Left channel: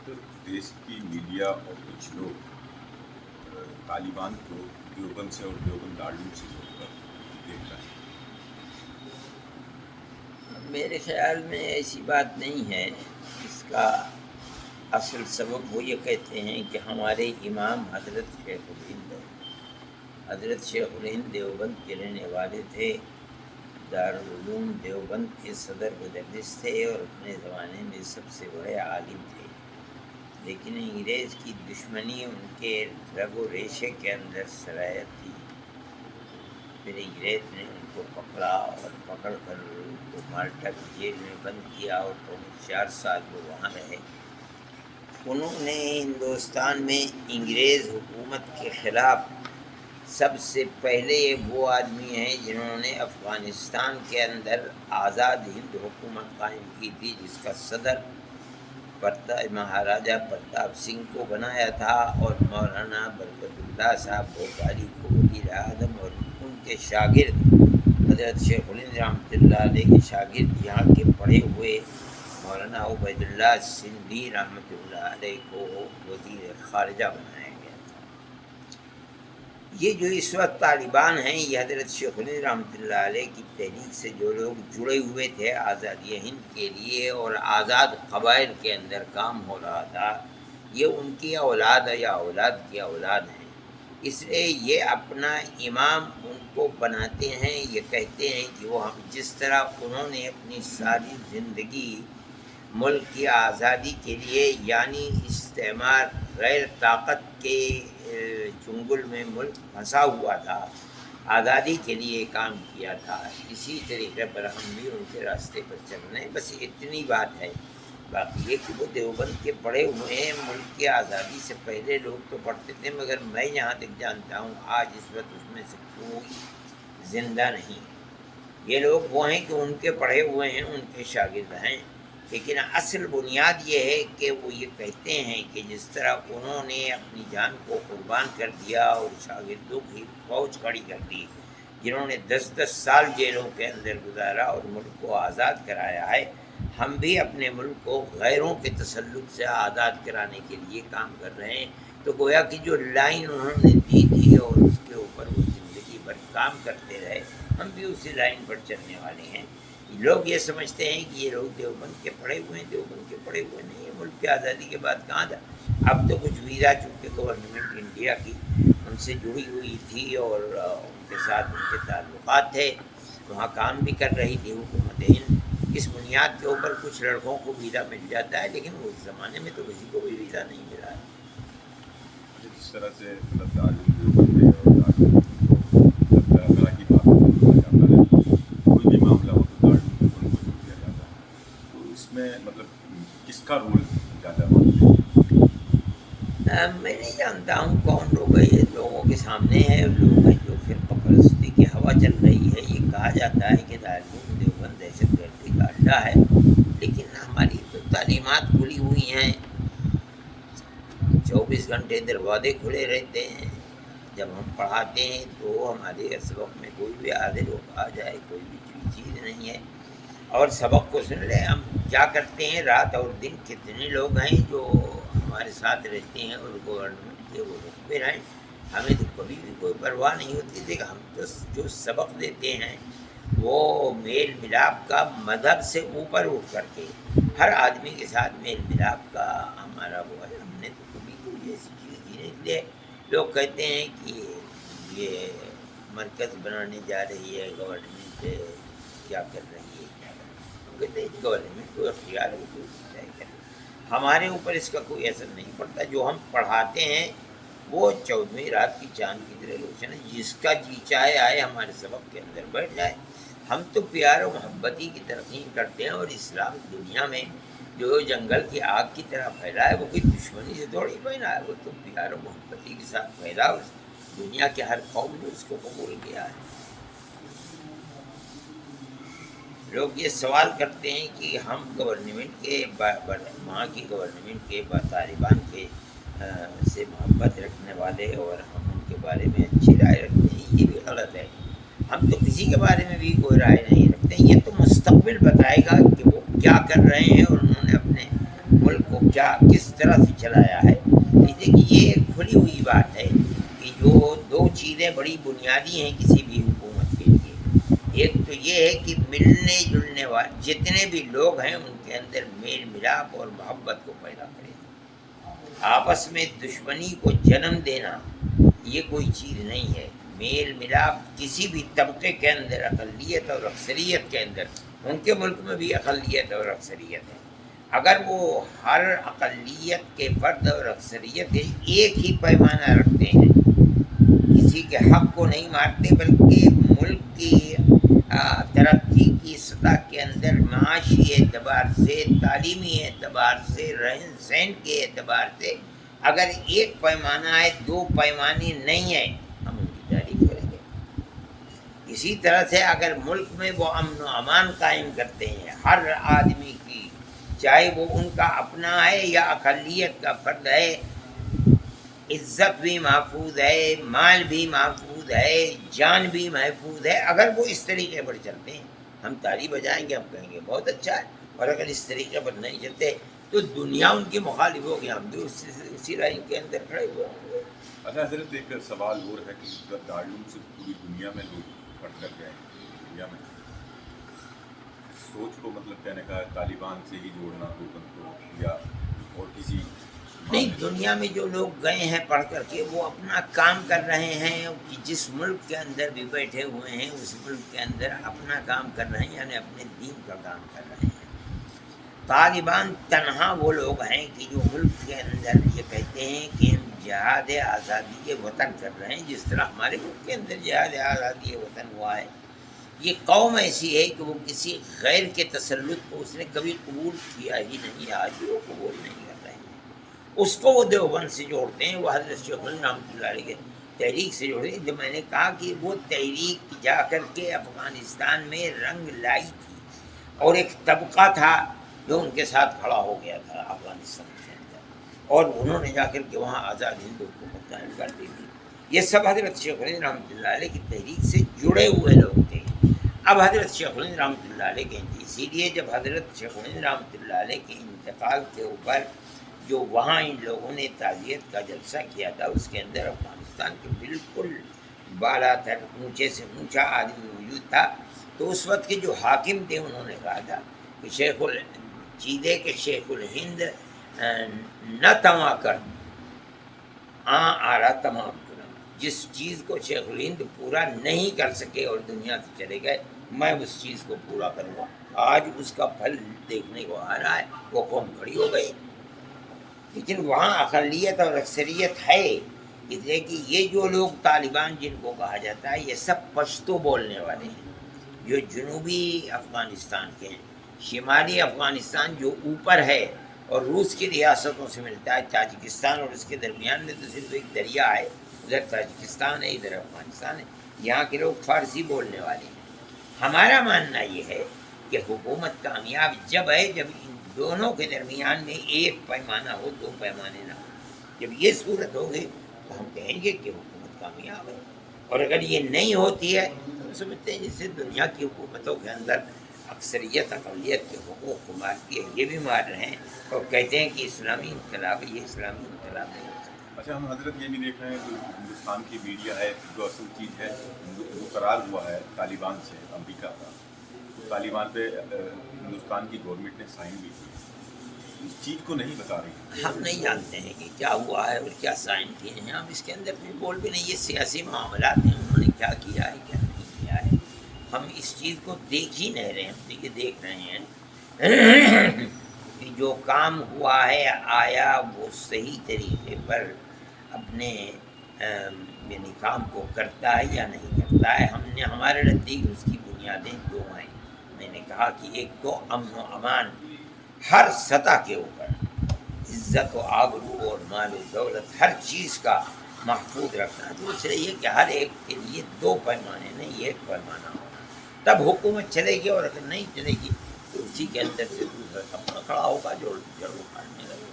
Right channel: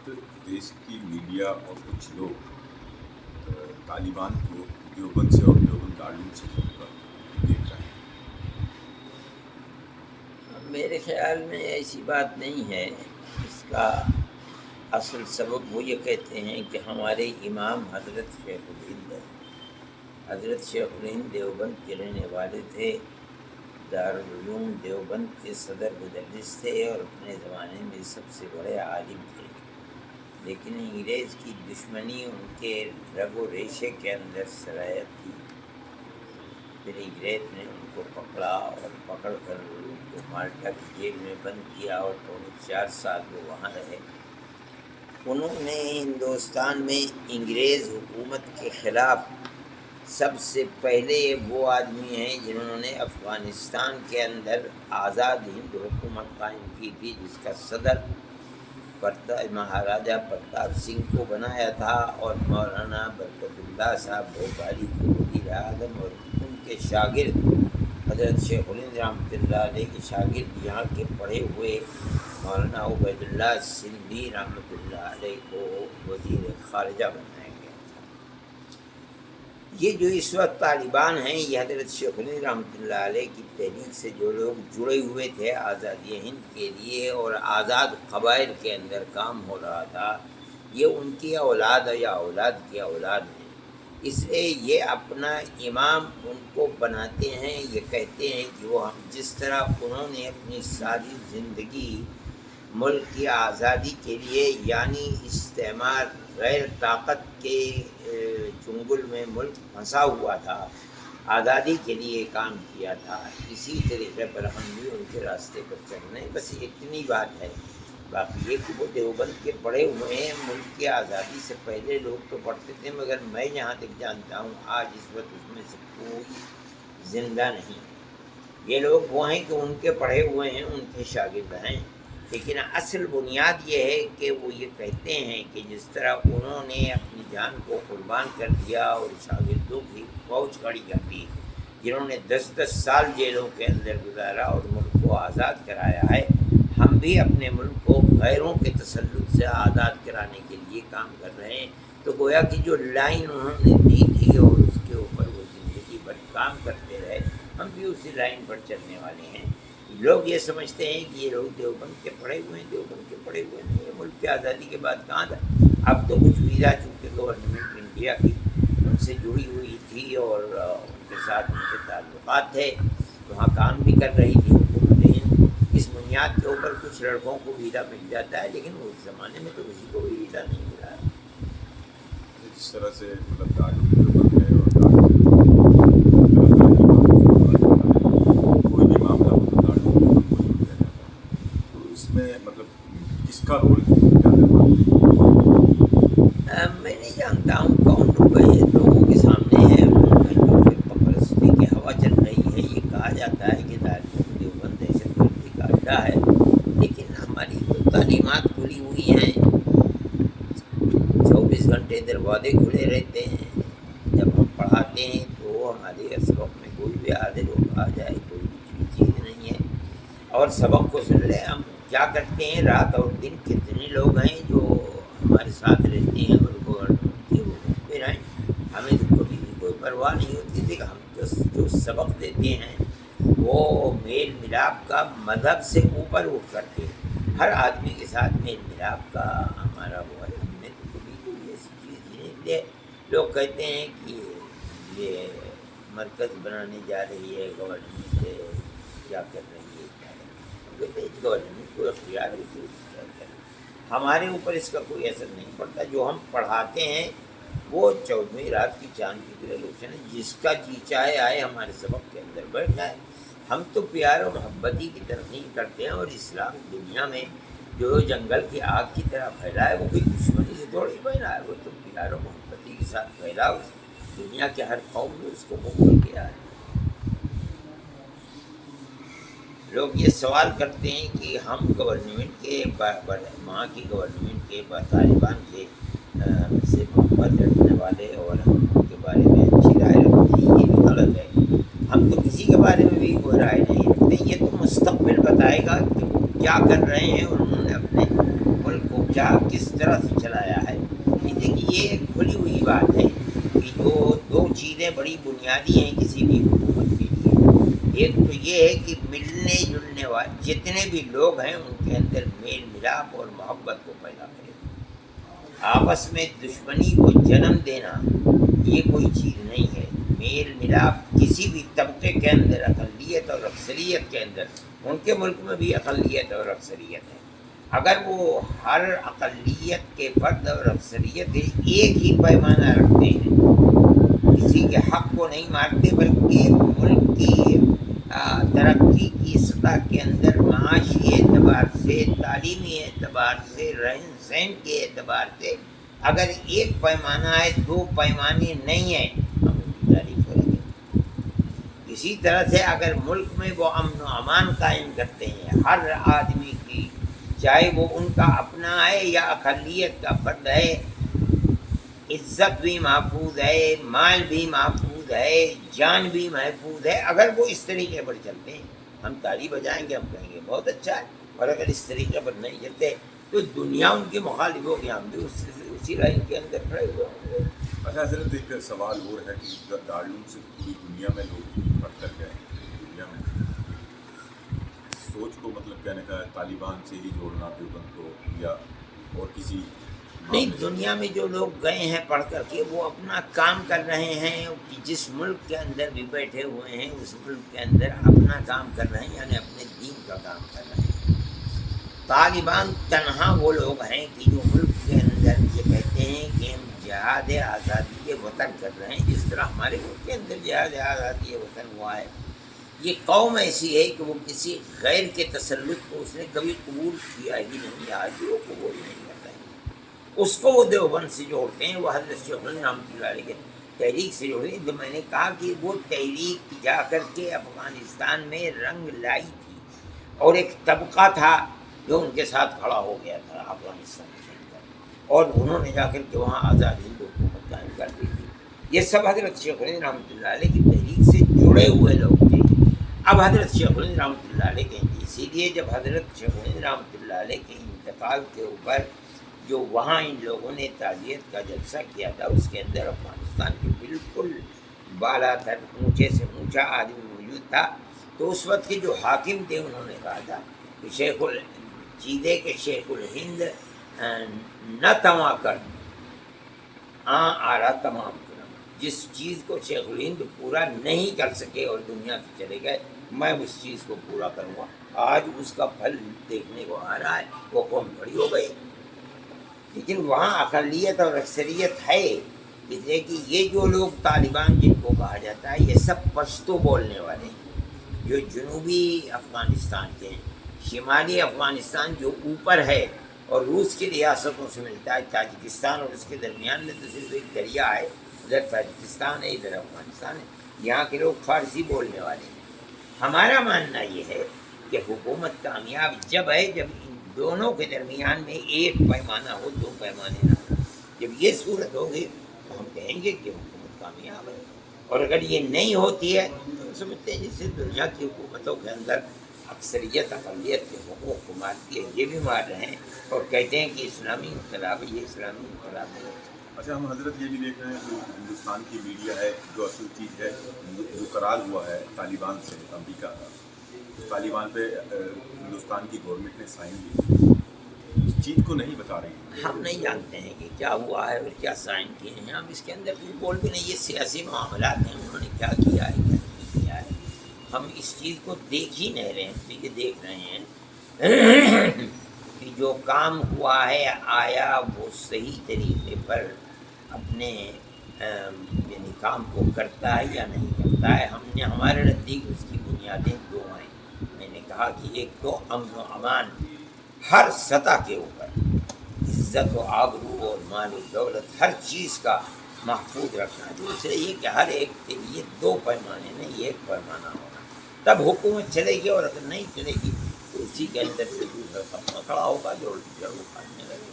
وقت دیش کی میڈیا اور کچھ لوگ طالبان کو دیوبند سے اور دیوبند گارڈن سے جوڑ کر دیکھ رہے ہیں۔ میرے خیال میں ایسی بات نہیں ہے۔ اس کا اصل سبب وہ یہ کہتے ہیں کہ ہمارے امام حضرت شیخ الہند ہے۔ حضرت شیخ الہند دیوبند کے رہنے والے تھے، دارالعلوم دیوبند کے صدر مدرس تھے اور اپنے زمانے میں سب سے بڑے عالم تھے، لیکن انگریز کی دشمنی ان کے رگ و ریشے کے اندر سرایت تھی۔ پھر انگریز نے ان کو پکڑا اور پکڑ کر ان کو مالٹا کی جیل میں بند کیا اور 4 سال وہ وہاں رہے۔ انہوں نے ہندوستان میں انگریز حکومت کے خلاف سب سے پہلے وہ آدمی ہیں جنہوں نے افغانستان کے اندر آزاد ہند حکومت قائم کی تھی، جس کا صدر مہاراجہ پرتاپ سنگھ کو بنایا تھا اور مولانا برکت اللہ صاحب بھوپالی کو وزیر اعظم، اور ان کے شاگرد حضرت شیخ الہند رحمۃ اللہ علیہ کے شاگرد یہاں کے پڑھے ہوئے مولانا عبید اللہ سندھی رحمۃ اللہ علیہ کو وزیر خارجہ بنایا گیا تھا۔ یہ جو اس وقت طالبان ہیں، یہ حضرت شیخ الہند رحمۃ اللہ علیہ کی تحریک سے جو لوگ جڑے ہوئے تھے آزادی ہند کے لیے اور آزاد قبائل کے اندر کام ہو رہا تھا، یہ ان کی اولاد یا اولاد کی اولاد ہیں۔ اس لیے یہ اپنا امام ان کو بناتے ہیں، یہ کہتے ہیں کہ وہ ہم جس طرح انہوں نے اپنی ساری زندگی ملک کی آزادی کے لیے، یعنی استعمار غیر طاقت کے چنگل میں ملک پھنسا ہوا تھا، آزادی کے لیے کام کیا تھا، اسی طریقے پر ہم بھی ان کے راستے پر چل رہے ہیں۔ بس اتنی بات ہے۔ باقی یہ کہ وہ دیوبند کے پڑھے ہوئے ہیں، ملک کی آزادی سے پہلے لوگ تو پڑھتے تھے، مگر میں جہاں تک جانتا ہوں آج اس وقت اس میں سے کوئی زندہ نہیں ہے۔ یہ لوگ وہ ہیں کہ ان کے پڑھے ہوئے ہیں، ان کے شاگرد ہیں، لیکن اصل بنیاد یہ ہے کہ وہ یہ کہتے ہیں کہ جس طرح انہوں نے اپنی جان کو قربان کر دیا اور شاگردوں کی فوج کھڑی کر دی، جنہوں نے 10 سال جیلوں کے اندر گزارا اور ملک کو آزاد کرایا ہے، ہم بھی اپنے ملک کو غیروں کے تسلط سے آزاد کرانے کے لیے کام کر رہے ہیں۔ تو گویا کہ جو لائن انہوں نے دی تھی اور اس کے اوپر وہ زندگی بھر کام کرتے رہے، ہم بھی اسی لائن پر چلنے والے ہیں۔ لوگ یہ سمجھتے ہیں کہ یہ لوگ دیوبند کے پڑھے ہوئے ہیں، دیوبند کے پڑھے ہوئے نہیں ہیں۔ ملک کی آزادی کے بعد کہاں تھا؟ اب تو کچھ ویزا چونکہ گورنمنٹ انڈیا کی ان سے جڑی ہوئی تھی اور ان کے ساتھ ان کے تعلقات تھے، وہاں کام بھی کر رہی تھی حکومت ہند۔ اس بنیاد کے اوپر کچھ لڑکوں کو ویزا مل جاتا ہے، لیکن اس زمانے میں تو کسی کو بھی ویزا نہیں ملا ہے۔ جس طرح سے تعلیم دیوبند ہے اور کوئی بھی معاملہ تو اس میں مطلب کس کا رول زیادہ؟ میں نہیں جانتا ہوں کون لوگ ہیں، لوگوں کے سامنے ہے لوگ ہیں جو فرقہ پرستی کی ہوا چل رہی ہے۔ یہ کہا جاتا ہے کہ دارالعلوم دیوبند دہشت گردی کا اڈا ہے، لیکن ہماری تو تعلیمات کھلی ہوئی ہیں، 24 گھنٹے دروازے کھلے رہتے ہیں۔ جب ہم پڑھاتے ہیں تو ہمارے سبق میں کوئی بھی حاضر ہو آ جائے، کوئی بھی چیز نہیں ہے، اور سبق کو سن لیں۔ ہم کیا کرتے ہیں، رات اور دن کتنے لوگ ہیں جو ہمارے ساتھ رہتے ہیں اور گورنمنٹ کے حقوق پہ رہیں، ہمیں تو کبھی بھی کوئی پرواہ نہیں ہوتی تھی کہ ہم جو سبق دیتے ہیں وہ میل ملاپ کا مذہب سے اوپر اٹھ کر کے ہر آدمی کے ساتھ میل ملاپ کا ہمارا وہ ہے۔ ہم نے تو کبھی کوئی ایسی چیز کی نہیں۔ اس لیے لوگ کہتے ہیں کہ یہ مرکز بنانے جا رہی ہے گورنمنٹ، کیا کر رہی ہے، کیا کر رہی ہے۔ ہم کہتے ہیں گورنمنٹ کو اختیار ہے کہ کیا کرے، ہمارے اوپر اس کا کوئی اثر نہیں پڑتا۔ جو ہم پڑھاتے ہیں وہ 14ویں رات کی چاند کی طرح روشن ہے، جس کا جی چاہے آئے ہمارے سبق کے اندر بیٹھ جائے۔ ہم تو پیار و محبتی کی ترقیم کرتے ہیں، اور اسلام دنیا میں جو جنگل کی آگ کی طرح پھیلا ہے وہ کوئی دشمنی سے تھوڑی پھیلا ہے، وہ تو پیار و محبتی کے ساتھ پھیلا، دنیا کے ہر قوم نے اس کو قبول کیا ہے۔ لوگ یہ سوال کرتے ہیں کہ ہم گورنمنٹ کے وہاں کی گورنمنٹ کے طالبان کے سے محبت رکھنے والے اور ہم ان کے بارے میں اچھی رائے رکھتے ہیں، یہ بھی غلط ہے۔ ہم تو کسی کے بارے میں بھی کوئی رائے نہیں رکھتے، یہ تو مستقبل بتائے گا کہ وہ کیا کر رہے ہیں اور انہوں نے اپنے ملک کو کیا کس طرح سے چلایا ہے. دیکھیے یہ ایک کھلی ہوئی بات ہے کہ جو دو چیزیں بڑی بنیادی ہیں کسی بھی حکومت کے لیے. ایک تو یہ ہے کہ ملنے جلنے والے جتنے بھی لوگ ہیں ان کے اندر میل ملاپ اور محبت کو پیدا کرے. آپس میں دشمنی کو جنم دینا یہ کوئی چیز نہیں ہے. میل ملاپ کسی بھی طبقے کے اندر اقلیت اور اکثریت کے اندر، ان کے ملک میں بھی اقلیت اور اکثریت ہے، اگر وہ ہر اقلیت کے فرد اور اکثریت ایک ہی پیمانہ رکھتے ہیں، کسی کے حق کو نہیں مارتے بلکہ ملک کی ترقی کی سطح کے اندر معاشی اعتبار سے، تعلیمی اعتبار سے، رہن سہن کے اعتبار سے اگر ایک پیمانہ ہے، دو پیمانے نہیں ہیں، ہم ان کی تعریف کریں گے. اسی طرح سے اگر ملک میں وہ امن و امان قائم کرتے ہیں، ہر آدمی کی چاہے وہ ان کا اپنا ہے یا اقلیت کا فرد ہے، عزت بھی محفوظ ہے، مال بھی محفوظ ہے، جان بھی محفوظ ہے. اگر وہ اس طریقے پر چلتے ہیں ہم تالی بجائیں گے، ہم کہیں گے بہت اچھا ہے. اور اگر اس طریقے پر نہیں چلتے تو دنیا ان کی مخالف ہوگی، ہم بھی اسی رائن کے اندر کھڑے ہوئے ہوں گے. اچھا حضرت، ایک سوال اور ہے کہ دارالعلوم سے پوری دنیا میں لوگ پڑھ کر گئے ہیں. دنیا میں سوچ کو مطلب کہنے کا ہے طالبان سے ہی جوڑنا دیوبند کو یا اور کسی نہیں، دنیا میں جو لوگ گئے ہیں پڑھ کر کے وہ اپنا کام کر رہے ہیں. کہ جس ملک کے اندر بھی بیٹھے ہوئے ہیں اس ملک کے اندر اپنا کام کر رہے ہیں، یعنی اپنے دین کا کام کر رہے ہیں. طالبان تنہا وہ لوگ ہیں کہ جو ملک کے اندر یہ کہتے ہیں کہ ہم جہاد آزادی وطن کر رہے ہیں، جس طرح ہمارے ملک کے اندر جہاد آزادی وطن ہوا ہے. یہ قوم ایسی ہے کہ وہ کسی غیر کے تسلط کو اس نے کبھی قبول کیا ہی نہیں، آج بھی وہ قبول نہیں کر رہے ہیں. اس کو وہ دیوبند سے جوڑتے ہیں، وہ حضرت شیخ الہند رحمۃ اللہ علیہ کے تحریک سے جوڑتے ہیں. جو میں نے کہا کہ وہ تحریک جا کر کے افغانستان میں رنگ لائی تھی، اور ایک طبقہ تھا جو ان کے ساتھ کھڑا ہو گیا تھا افغانستان کے اندر، اور انہوں نے جا کر کے وہاں آزاد ہند حکومت قائم کر دی تھی. یہ سب حضرت شیخ الہند رحمۃ اللہ علیہ کی تحریک سے جڑے ہوئے لوگ تھے. اب حضرت شیخ الہند رحمۃ اللہ علیہ کے اسی لیے جب حضرت شیخ الہند رحمۃ اللہ علیہ کے انتقال کے اوپر جو وہاں ان لوگوں نے تعزیت کا جلسہ کیا تھا، اس کے اندر افغانستان کے بالکل بالا تر اونچے سے اونچا آدمی موجود تھا. تو اس وقت کے جو حاکم تھے انہوں نے کہا تھا کہ چیزے کے شیخ الہند نہ تما کر آ رہا تمام کنم. جس چیز کو شیخ الہند پورا نہیں کر سکے اور دنیا سے چلے گئے، میں اس چیز کو پورا کروں گا. آج اس کا پھل دیکھنے کو آ رہا ہے. وہ قوم کھڑی ہو گئی، لیکن وہاں اقلیت اور اکثریت ہے. اس لیے کہ یہ جو لوگ طالبان جن کو کہا جاتا ہے یہ سب پشتو بولنے والے ہیں، جو جنوبی افغانستان کے ہیں. شمالی افغانستان جو اوپر ہے اور روس کی ریاستوں سے ملتا ہے، تاجکستان اور اس کے درمیان میں تو صرف ایک دریا ہے، ادھر تاجکستان ہے ادھر افغانستان ہے. یہاں کے لوگ فارسی بولنے والے ہیں. ہمارا ماننا یہ ہے کہ حکومت کامیاب جب ہے جب ان دونوں کے درمیان میں ایک پیمانہ ہو، دو پیمانے نہ ہو. جب یہ صورت ہوگی تو ہم کہیں گے کہ حکومت کامیاب ہے. اور اگر یہ نہیں ہوتی ہے تو ہم سمجھتے ہیں جس سے دنیا کی حکومتوں کے اندر اکثریت اقلیت کے حقوق کو مارتی ہے، یہ بھی مار رہے ہیں اور کہتے ہیں کہ اسلامی انقلاب ہے. یہ اسلامی انقلاب نہیں ہوتا. اچھا، ہم حضرت یہ بھی دیکھ رہے ہیں کہ ہندوستان کی میڈیا ہے جو اصل چیز ہے جو قرار ہوا ہے طالبان سے امریکہ کا، اس طالبان پہ ہندوستان کی گورنمنٹ نے سائن بھی کیا، اس چیز کو نہیں بتا رہی ہیں. ہم نہیں جانتے ہیں کہ کیا ہوا ہے اور کیا سائن کیے ہیں. ہم اس کے اندر کچھ بول بھی نہیں. یہ سیاسی معاملات ہیں، انہوں نے کیا کیا ہے کیا نہیں کیا ہے ہم اس چیز کو دیکھ ہی نہیں رہے. ہم تو یہ دیکھ رہے ہیں کہ جو کام ہوا ہے آیا وہ صحیح طریقے پر اپنے یعنی کام کو کرتا ہے یا نہیں کرتا ہے. ہم نے ہمارے نزدیک اس کی بنیادیں دو ہیں. میں نے کہا کہ ایک تو امن و امان ہر سطح کے اوپر، عزت و آبرو اور مال و دولت ہر چیز کا محفوظ رکھنا. دوسرے یہ کہ ہر ایک کے لیے دو پیمانے نہیں ایک پیمانہ ہونا، تب حکومت چلے گی. اور اگر نہیں چلے گی تو اسی کے اندر سے دوسرا طبقہ کھڑا ہوگا جو جڑ اکھاڑنے لگے.